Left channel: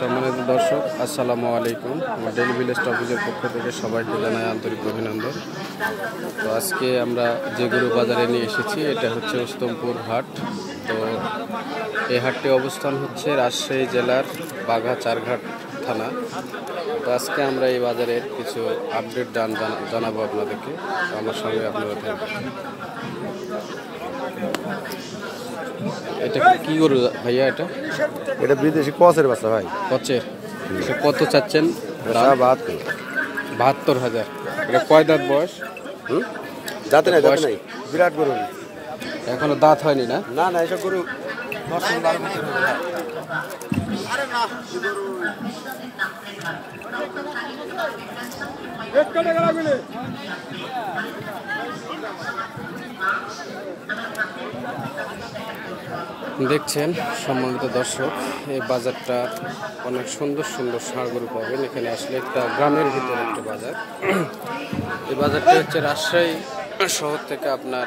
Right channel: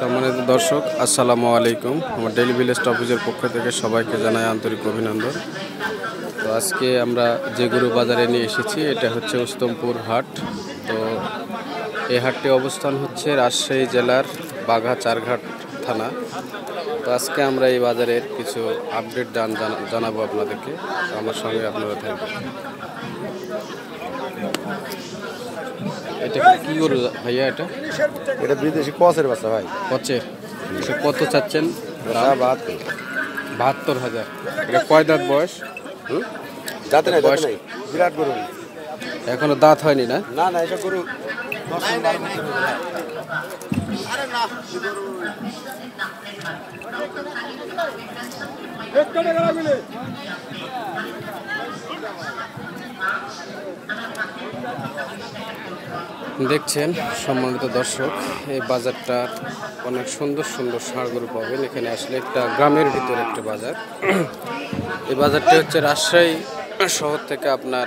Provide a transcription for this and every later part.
সম্মানিত দর্শক, আসসালামু আলাইকুম। আমার ডেইলি ভিলেজ অফিসের পক্ষ থেকে সবাইকে জানাই আন্তরিক অভিনন্দন। তো আজকে আমরা যে গরু বাজারে নিয়ে এসেছি এটা হচ্ছে উস্তমপুর হাট। তো এই হাটটি অবস্থান হচ্ছে রাজশাহী জেলার বাঘা-চারঘাট থানা। তো আজকে আমরা এই বাজারের কিছু আপডেট জানাবো আপনাদেরকে। আমার সঙ্গে আপনারা থাকবেন। এটা কি গরু ভাইয়া? এটা বিদেশি কচের বাচ্চা ভাই। কচের কত চাচ্ছেন? 72,000। এটা কয় দাঁত বয়স? দাঁতের বয়স বিরাট গরু, এখনো দাঁত হয়নি না? না না, এটা গরু দেখছেন সম্মানিত দর্শক, এই বাজারটা অনেক সুন্দর সুন্দর ষাঁড় গরু পাবেন এখানে আসলে। একটা গ্রামের ভিতরে একটা বাজার। এই বাজারটা হচ্ছে রাজশাহী শহর থেকে আপনার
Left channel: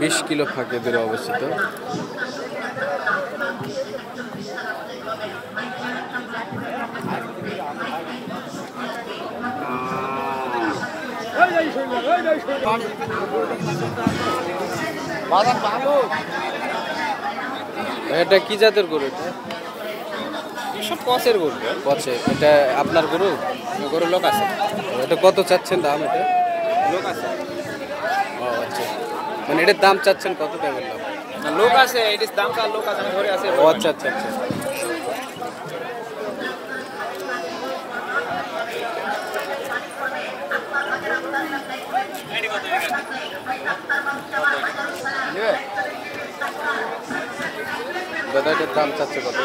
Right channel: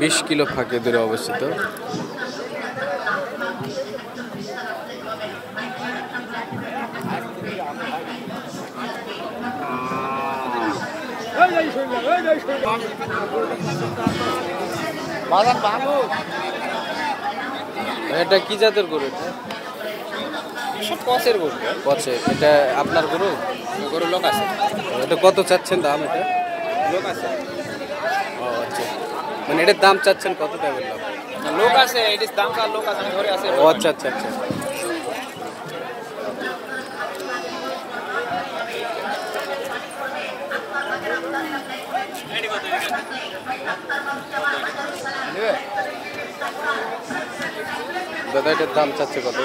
20 কিলো ফাঁকে দূরে অবস্থিত। এটা কি জাতের গরু? এটা কচের গরু। কচের। এটা আপনার গরু? গরু লোক আছে। এটা কত চাচ্ছেন দাম? এটা লোক আছে। ও আচ্ছা, মানে এটার দাম চাচ্ছেন কত? টাকা বললাম লোক আছে, এটার দাম কার লোক আছে, ঘরে আছে। ও আচ্ছা আচ্ছা আচ্ছা। দাদা এটার দাম চাচ্ছে কত?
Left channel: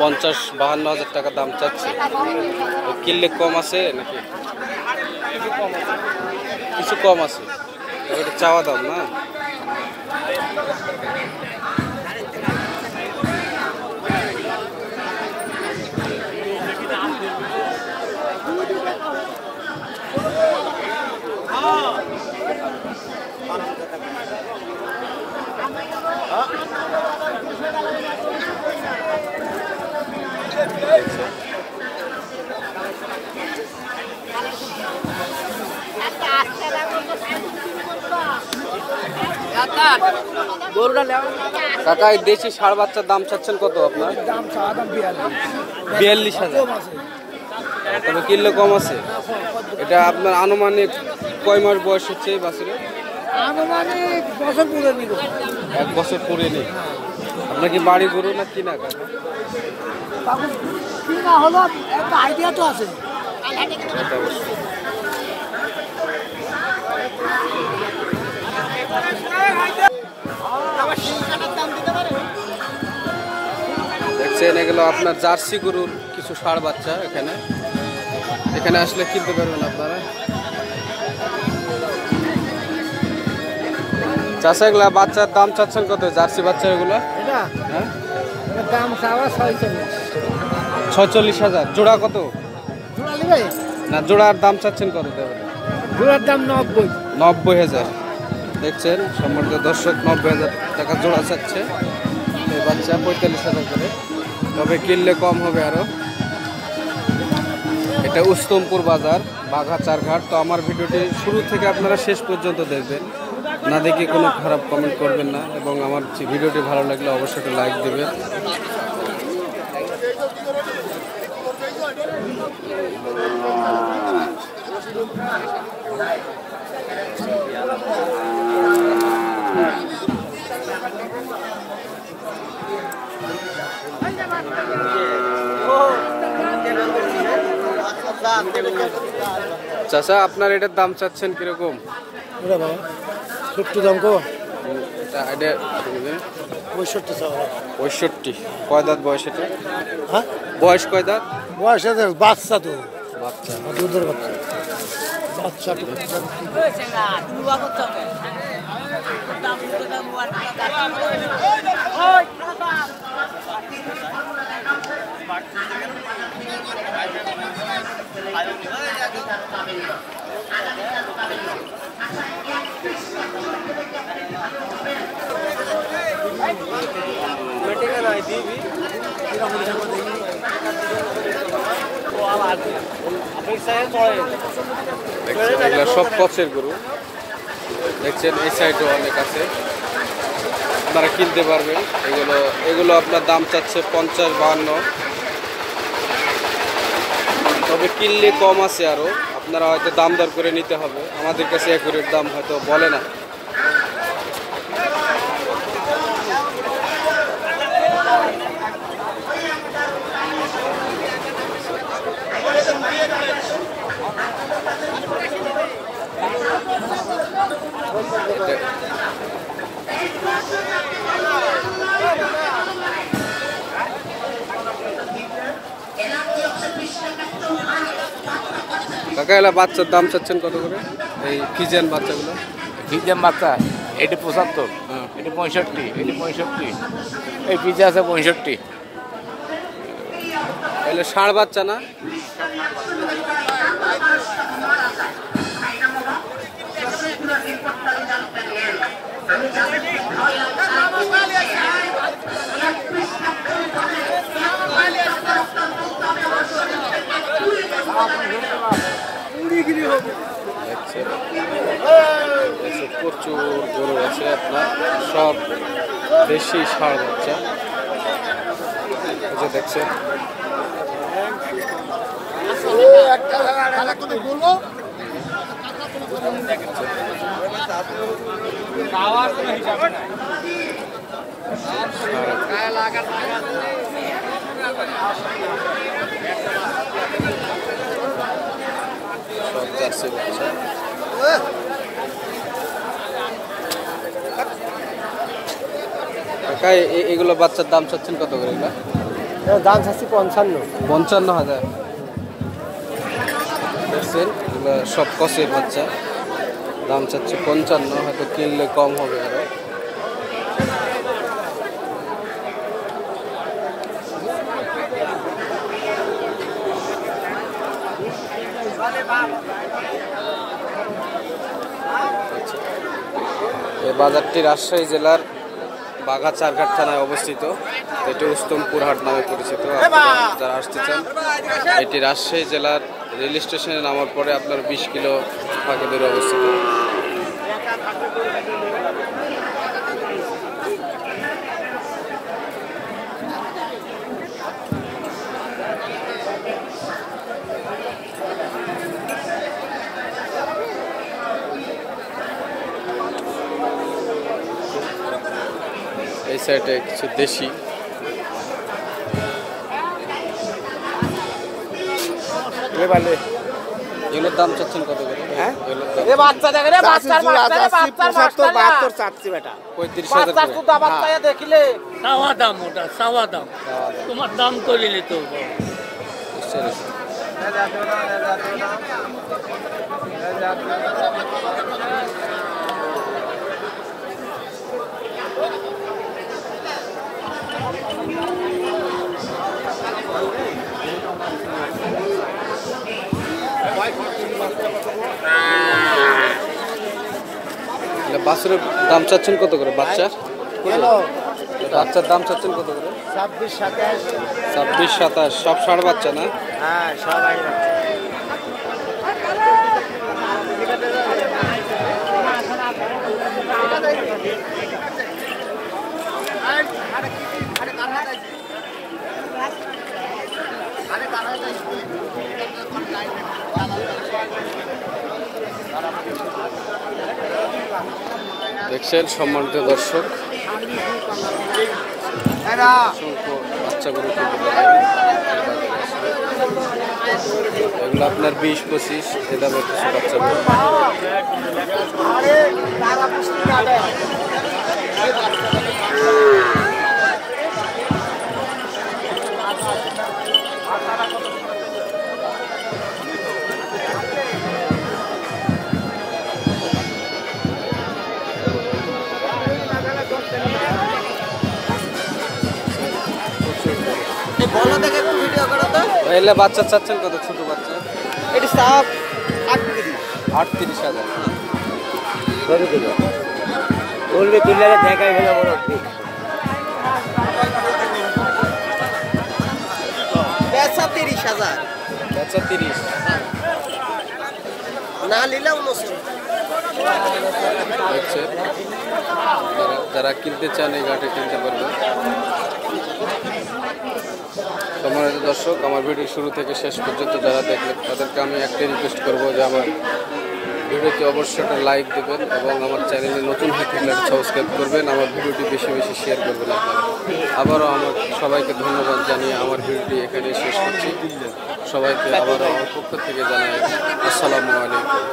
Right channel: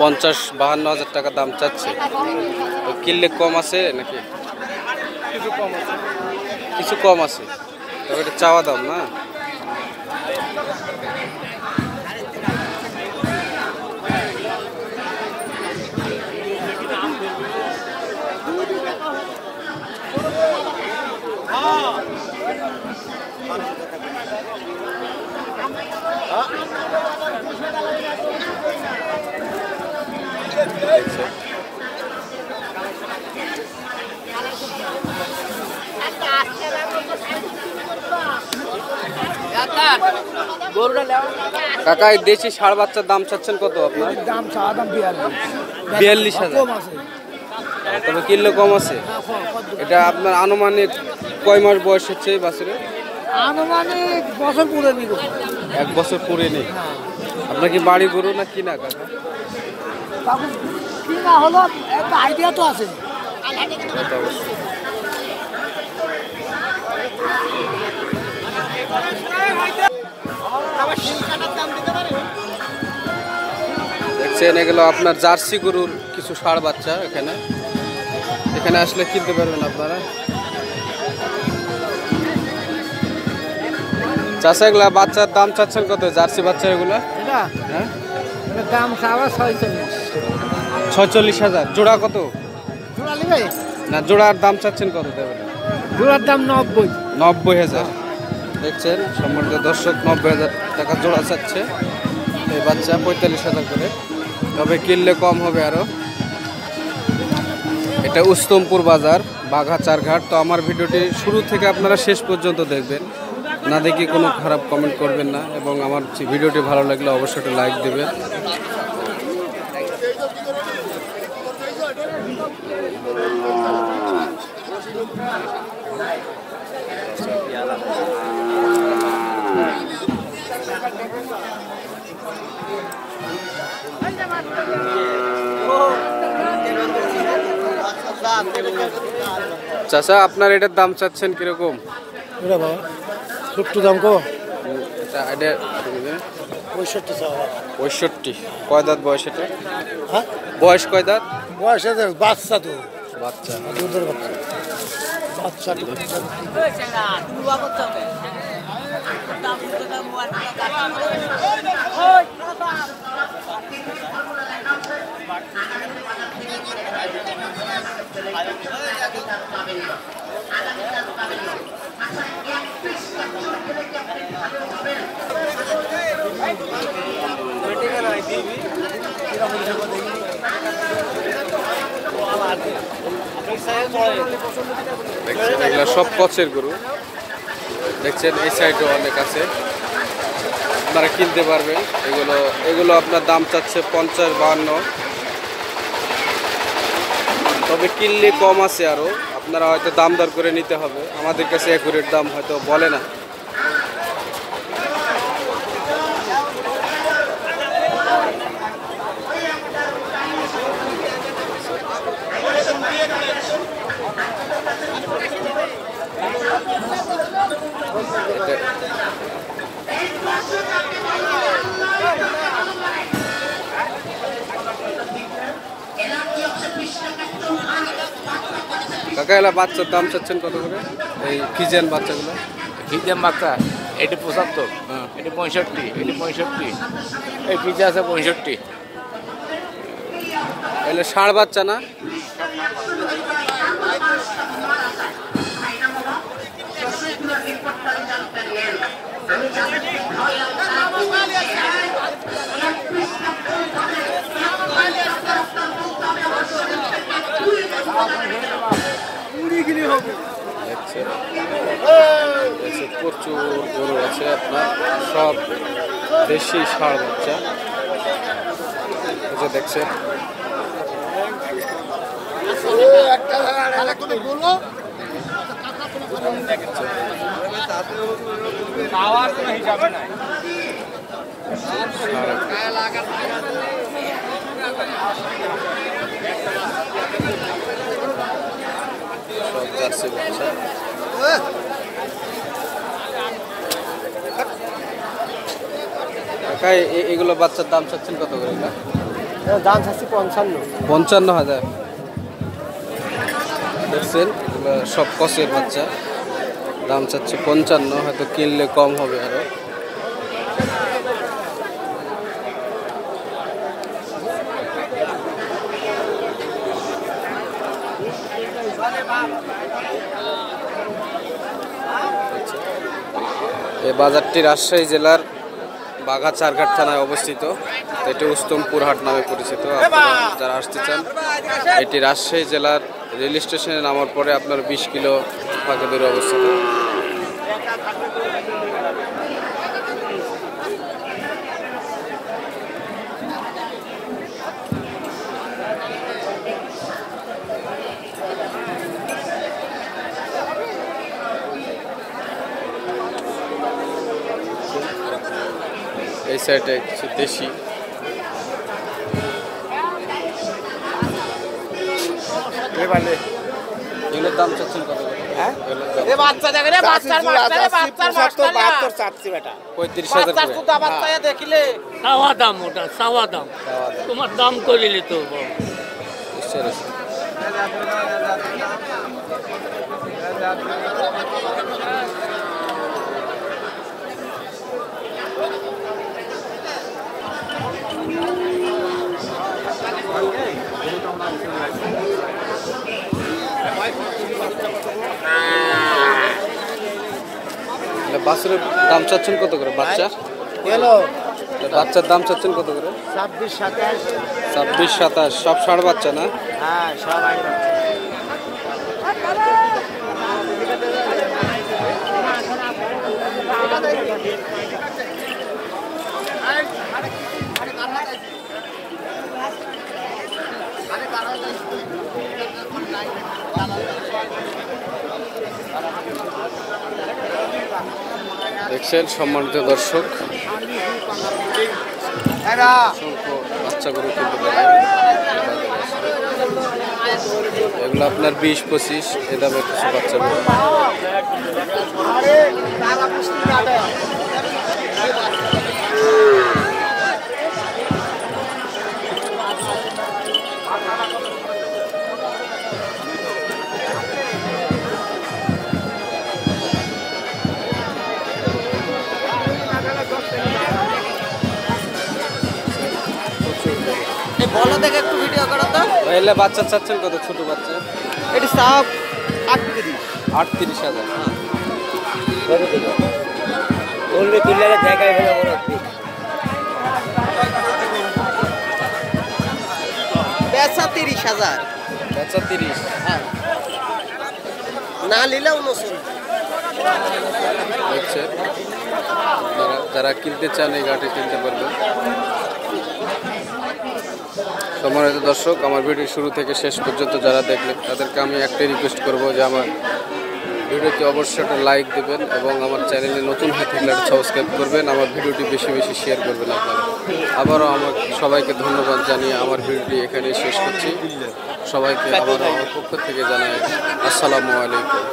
50-52 হাজার টাকা দাম চাচ্ছে। তো কিনলে কম আছে নাকি? কিছু কম আছে। তবে এটা চাওয়া দাম না? কাকা, এই দেশি ষাঁড় বাচ্চার দাম চাচ্ছেন কত আপনার? 42,000। তবে কিনলে কম আছে। এটা আপনার আনুমানিক কয় মাস বয়স হচ্ছে এই বাছুরের? আনুমানিক বছর পুরে নিব। 1 বছর পুরে নেই। আপনার কি বাড়ি গরু না কিনা কাকা? কিনা হলো, একটা আইডিয়া তো আছে। দেখছেন এগুলো আপনার জার্সি গরুর কিছু ষাঁড় বাচ্চা। এখানে আসলে কিনতে পারবেন আপনারা। চাষা এগুলা বাচ্চার দাম চাচ্ছেন কত? জার্সি বাচ্চা এগুলা? হ্যাঁ, দাম 46,000। জোড়া কত? না, জোড়ার দাম চাচ্ছেন কত? জোড়ার দাম 90,000। দেখছেন সম্মানিত দর্শক, 90,000 টাকা জোড়া চাচ্ছে এই বাচ্চা, 45,000 করে। তবে কিনলে কম হবে আরো। এটা উস্তমপুর বাজার, বাঘা-চারঘাট। তো আমার ভিডিওটি শুরু থেকে আপনারা শেষ পর্যন্ত দেখবেন, না দেখে কোনো খারাপ কমেন্ট করবেন না। এবং আমার ভিডিওটি ভালো লাগলে অবশ্যই একটা লাইক দেবেন। চাচা, আপনার এটার দাম চাচ্ছেন কিরকম? দাম কো? 65। কয় দাঁত বয়স এটা? বয়স কয় দাঁত? বয়স বাচ্চা তো, বাচ্চা, দুধের বাচ্চা। বাচ্চা দেখছেন এগুলো সব কচের গরু। দেখছেন এই সাইডও অনেক আছে, আপনারা কিনতে পারবেন। এগুলো আপনার দাম চাচ্ছে 50-52, তবে কিনলে কম আছে আরো, আপনারা হয়তো দাম দর করে নিতে হবে। আমাদের কাছে একুরের দাম হয়তো বলে না। কাকা এলা বাচ্চার দাম চাচ্ছেন কত করে, এই ফিজিয়ান বাচ্চাগুলো? ফিজে মাথা এটি 75, এটি 65, এটি 65, এই পিজা আছে 65। এগুলো ষাঁড় বাচ্চা না? দেখছেন প্রচুর গরু আছে আপনার, সব দেশি ষাঁড় বাচ্চা। এই যে দেখছেন সব জার্সি বাচ্চা। কাকা এগুলো বাচ্চার দাম চাচ্ছেন কত করে? দাম চাচ্ছি 55। 55,000। দেখছেন এগুলো সব কচের বাচ্চা, দাম চাচ্ছে 55, হয়তো কিনলে কম হবে আরো। এই বাজারটি রাজশাহী জেলার বাঘাচারঘাট থানায় অবস্থিত। এটি উস্তমপুর হাট নামে পরিচিত। আপনারা যারা আসতে চান, এটি রাজশাহী জেলার রেল স্টেশনে নামার পরে আপনার 20 কিলো ফাঁকে দূরে অবস্থিত। এই সাইডে কিছু দেশি, এগুলোর দাম চাচ্ছেন কত করে? এ বাচ্চা দেখে রে, বাচ্চার মাস্টার, বাচ্চার মাস্টার 72 চাচ্ছি বেটা। 35,000 বাচ্চার করে। সুদা বাচ্চা দেখিলে চাওয়া দাম, ওটা চাওয়া দাম, তোমার দাম করে নিতে হবে। বাছুরের দাম চাচ্ছেন কত করে? বাচ্চা বাচ্চার দাম চাচ্ছেন কত করে? 26-27। সব ষাঁড় বাচ্চা না? হ্যাঁ সবাই দেখছেন সম্মানিত দর্শক, অসংখ্য বাচ্চা গরু কিনতে পারবেন বাজারে আসলে। এগুলো আপনার 20-25 এ দামের কিছু বাচ্চা গরু। এলে বাচ্চা চাচ্ছেন কত? ছোট বাচ্চা এটি সাপ 38,000। বলবে দিলে জায়গায় হলো বড় বেচা 30,000। বাচ্চা 30। দেখছেন যারা কিনতে চান এই গাড়ি কিনতে পারবেন। সম্মানিত দর্শক, আমার ভিডিও শুরু থেকে শেষ পর্যন্ত যারা দেখলেন তাদেরকে আমি একটাই রিকোয়েস্ট করবো যে আমার ভিডিওতে অবশ্যই একটা লাইক দেবেন এবং আমার চ্যানেলে নতুন হয়ে থাকলে একটা সাবস্ক্রাইব করবেন। আমার ভিডিওটি বেশি বেশি শেয়ার করবেন আপনারা। আবারও আমার সবাইকে ধন্যবাদ জানিয়ে আমার ভিডিওটি এখানে শেষ করছি। সবাইকে আবারও আমার পক্ষ থেকে জানাই আসসালামু আলাইকুম।